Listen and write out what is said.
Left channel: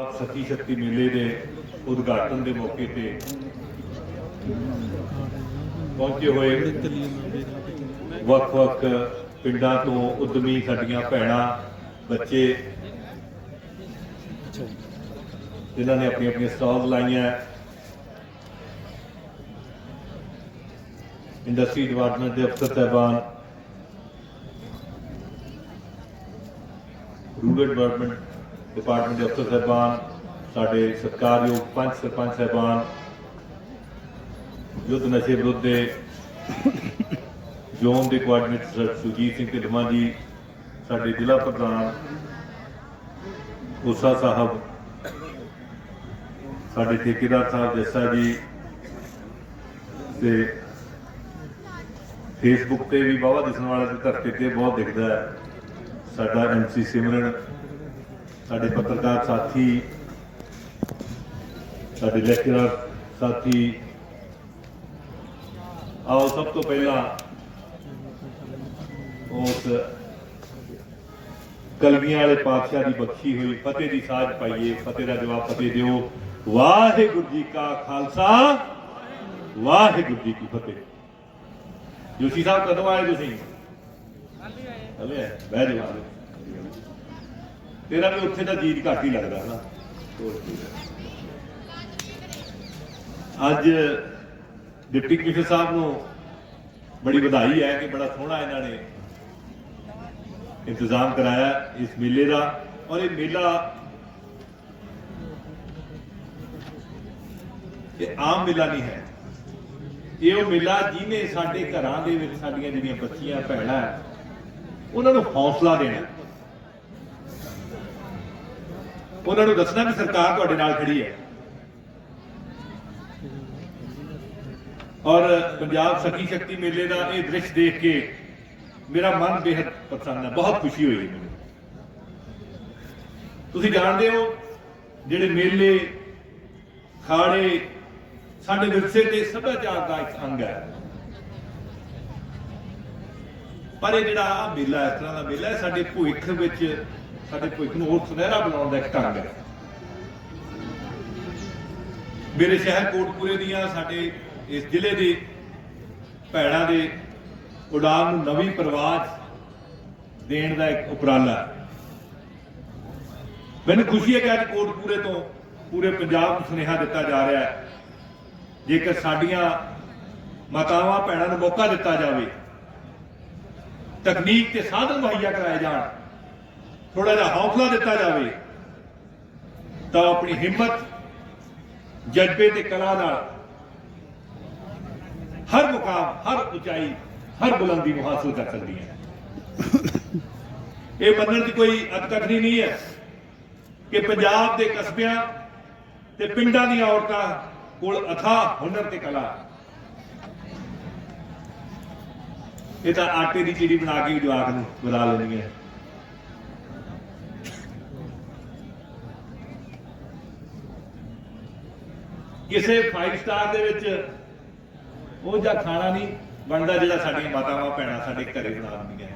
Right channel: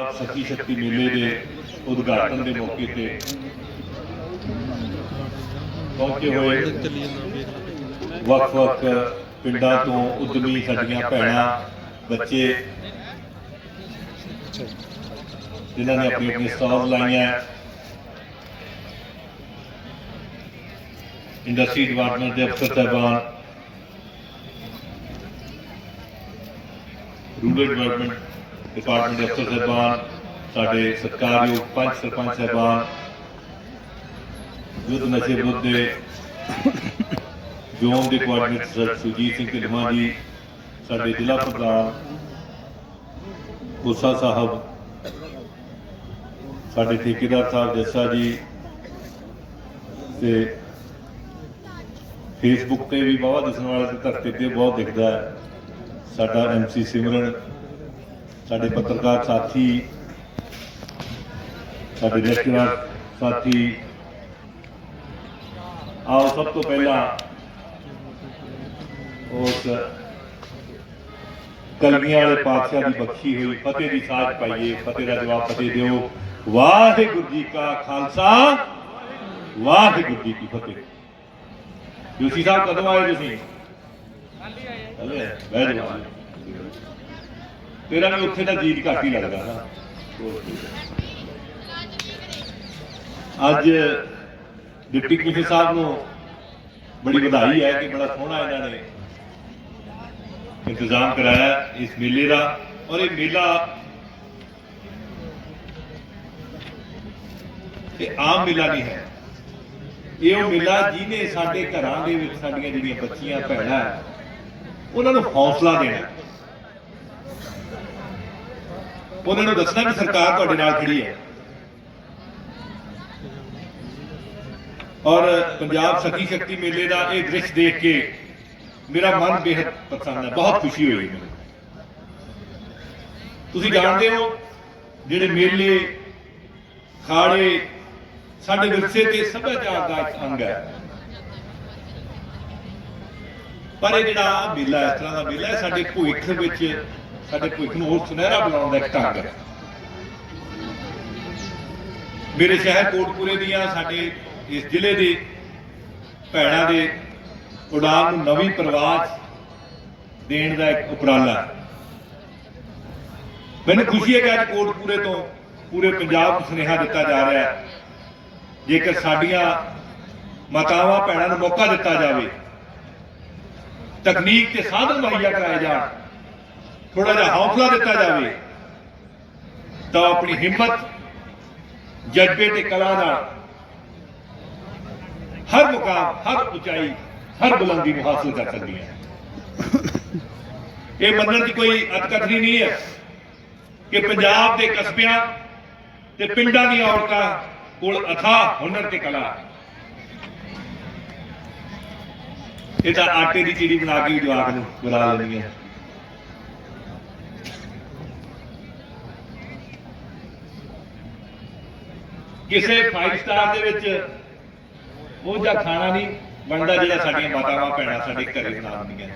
ਸਖੀ ਸ਼ਕਤੀ ਮੇਲੇ ਦੇ ਉਦਘਾਟਨ ਦੇ ਮੌਕੇ ਤੇ ਪਹੁੰਚੇ ਹੋਏ ਵੱਖ-ਵੱਖ ਪਿੰਡਾਂ ਤੋਂ ਉਦਮੀ ਸਾਡੀਆਂ ਭੈਣਾਂ, ਬੱਚੇ, ਜਿਨ੍ਹਾਂ ਨੇ ਆਪਣੀ ਆਪਣੀ ਸਟਾਲ ਲਾਈਆਂ। ਇੰਡਸਟਰੀ ਡਿਪਾਰਟਮੈਂਟ ਦੇ ਅਫਸਰ ਸਾਹਿਬਾਨ, ਰੂਰਲ ਡਿਵੈਲਪਮੈਂਟ ਡਿਪਾਰਟਮੈਂਟ ਦੇ ਅਫਸਰ ਸਾਹਿਬਾਨ, ਸਾਡੇ ਸਤਿਕਾਰਯੋਗ ਪੰਚ ਸਰਪੰਚ ਸਾਹਿਬਾਨ, ਯੁੱਧ ਨਸ਼ੇ ਵਿਰੁੱਧ ਦੇ ਜ਼ੋਨ ਦੇ ਕੋਆਰਡੀਨੇਟਰ ਸਰ ਸੁਜੀਤ ਸਿੰਘ ਢਿੱਲੋਂ ਜੀ, ਸਾਡੇ ਜ਼ਿਲ੍ਹਾ ਪ੍ਰਧਾਨ ਗੁੱਸਾ ਸਾਹਿਬ, ਸਾਡੇ ਠੇਕੇਦਾਰ ਸਾਹਿਬ ਜੱਸਾ ਜੀ ਤੇ ਫੇਸਬੁੱਕ ਤੇ ਵੀ ਬਹੁਤ ਦਿਸਣ ਵਾਲਾ ਧਰਤੀ ਤੇ ਬਹੁਤ ਦਿਖਦਾ ਹੈ। ਸਾਡਾ ਐਮਸੀ ਸਿਮਰਨ ਸਾਡੇ ਪੱਤਰਕਾਰ ਸਾਥੀ ਸਾਡੇ ਰਿਸ਼ਤੇਦਾਰ ਸਾਥੀ ਆਓ ਸਭ ਤੋਂ ਪਹਿਲਾਂ ਉਸ ਕਲਮੀਆਂ ਵਾਲੇ ਪਾਤਸ਼ਾਹ ਦੀ ਬਖਸ਼ੀ ਹੋਈ ਫਤਿਹ ਦੀ ਸਾਜ ਪਾਈਏ ਫਤਿਹ ਦਾ ਜਵਾਬ ਫਤਿਹ ਦਿਓ ਵਾਹਿਗੁਰੂ ਜੀ ਕਾ ਖਾਲਸਾ ਵਾਹਿਗੁਰੂ ਜੀ ਕੀ ਫਤਿਹ ਯੂਸੀ ਸਾਹਿਬ ਕਦੋਂ ਆਏ ਤੁਸੀਂ ਹਲੇ ਆਏ ਬਹਿ ਜਾਓ ਤੇਰਾ ਵੀ ਉੱਥੇ ਦਾ ਜੀਤ ਘੱਟ ਹੀ ਲੱਗਦਾ ਨਾ। ਅੱਜ ਡਿਪਟੀ ਕਮਿਸ਼ਨਰ ਸਾਹਿਬ ਨੂੰ ਬੜੀ ਵਧਾਈ ਹੈ ਕਿ ਬੜਾ ਸੋਹਣਾ ਇਹਨਾਂ ਨੇ ਇੰਤਜ਼ਾਮ ਕਰਾਇਆ ਇਸ ਮੇਲੇ ਦਾ। ਔਰ ਇਹ ਮੇਲਾ ਇਹ ਆਮ ਮੇਲਾ ਨਹੀਂ ਹੈ। ਇਹ ਉਹ ਮੇਲਾ ਜਿਹਨੇ ਸਾਡੇ ਘਰਾਂ ਦੇ ਵਿੱਚ ਸਾਡੀਆਂ ਜਿਹੜੀਆਂ ਬੱਚੀਆਂ, ਭੈਣਾਂ, ਉਹਨਾਂ ਨੂੰ ਹੌਸਲਾ ਦੇਣਾ ਹੈ। ਉਹਨਾਂ ਨੂੰ ਦੱਸਣਾ ਵੀ ਸਰਕਾਰ ਤੁਹਾਡੇ ਨਾਲ ਖੜੀ ਹੈ। ਔਰ ਪੰਜਾਬ ਸਖੀ ਸ਼ਕਤੀ ਮੇਲੇ ਦਾ ਇਹ ਦ੍ਰਿਸ਼ ਦੇਖ ਕੇ ਮੇਰਾ ਮਨ ਬੇहद ਪਸੰਦ ਹੈ, ਬਹੁਤ ਖੁਸ਼ੀ ਹੋਈ ਮੈਨੂੰ। ਤੁਸੀਂ ਜਾਣਦੇ ਹੋ, ਜਿਹੜੇ ਮੇਲੇ, ਖਾੜੇ ਸਾਡੇ ਵਿਰਸੇ ਤੇ ਸੱਭਿਆਚਾਰ ਦਾ ਇੱਕ ਅੰਗ ਹੈ। ਪਰ ਇਹ ਜਿਹੜਾ ਮੇਲਾ ਇਸ ਤਰ੍ਹਾਂ ਦਾ ਮੇਲਾ ਸਾਡੇ ਭਵਿੱਖ ਵਿੱਚ ਸਾਡੇ ਭਵਿੱਖ ਨੂੰ ਹੋਰ ਸੁਨਹਿਰਾ ਬਣਾਉਣ ਦਾ ਇੱਕ ਢੰਗ ਹੈ ਮੇਰੇ ਸ਼ਹਿਰ ਕੋਟਪੂਰੇ ਦੀਆਂ ਸਾਡੇ ਇਸ ਜ਼ਿਲ੍ਹੇ ਦੇ ਭੈਣਾਂ ਦੇ ਉਡਾਨ ਨੂੰ ਨਵੀਂ ਪ੍ਰਵਾਜ ਦੇਣ ਦਾ ਇੱਕ ਉਪਰਾਲਾ ਮੈਨੂੰ ਖੁਸ਼ੀ ਹੈ ਕਿ ਅੱਜ ਕੋਟਪੂਰੇ ਤੋਂ ਪੂਰੇ ਪੰਜਾਬ ਨੂੰ ਸੁਨੇਹਾ ਦਿੱਤਾ ਜਾ ਰਿਹਾ ਹੈ ਜੇਕਰ ਸਾਡੀਆਂ ਮਾਤਾਵਾਂ ਭੈਣਾਂ ਨੂੰ ਮੌਕਾ ਦਿੱਤਾ ਜਾਵੇ, ਤਕਨੀਕ ਤੇ ਸਾਧਨ ਮੁਹੱਈਆ ਕਰਾਏ ਜਾਣ ਥੋੜਾ ਜਿਹਾ ਹੌਸਲਾ ਦਿੱਤਾ ਜਾਵੇ, ਤਾਂ ਉਹ ਆਪਣੀ ਹਿੰਮਤ, ਜਜ਼ਬੇ ਤੇ ਕਲਾ ਨਾਲ ਹਰ ਮੁਕਾਮ, ਹਰ ਉਚਾਈ, ਹਰ ਬੁਲੰਦੀ ਨੂੰ ਹਾਸਲ ਕਰ ਸਕਦੀ ਹੈ। ਇਹ ਮੰਨਣ ਦੀ ਕੋਈ ਅਤਕਥਨੀ ਨਹੀਂ ਹੈ ਕਿ ਪੰਜਾਬ ਦੇ ਕਸਬਿਆਂ ਤੇ ਪਿੰਡਾਂ ਦੀਆਂ ਔਰਤਾਂ ਕੋਲ ਅਥਾ ਹੁਨਰ ਤੇ ਕਲਾ। ਇਹ ਤਾਂ ਆਟੇ ਦੀ ਚੀੜੀ ਬਣਾ ਕੇ ਵੀ ਜਵਾਕ ਨੂੰ ਬਣਾ ਲੈਂਦੀਆਂ। ਕਿਸੇ 5 ਸਟਾਰ ਦੇ ਵਿੱਚ ਉਹ ਜਿਹਾ ਖਾਣਾ ਨਹੀਂ ਬਣਦਾ ਜਿਹੜਾ ਸਾਡੀਆਂ ਮਾਤਾਵਾਂ ਭੈਣਾਂ ਸਾਡੇ ਘਰੇ ਬਣਾਉਂਦੀਆਂ।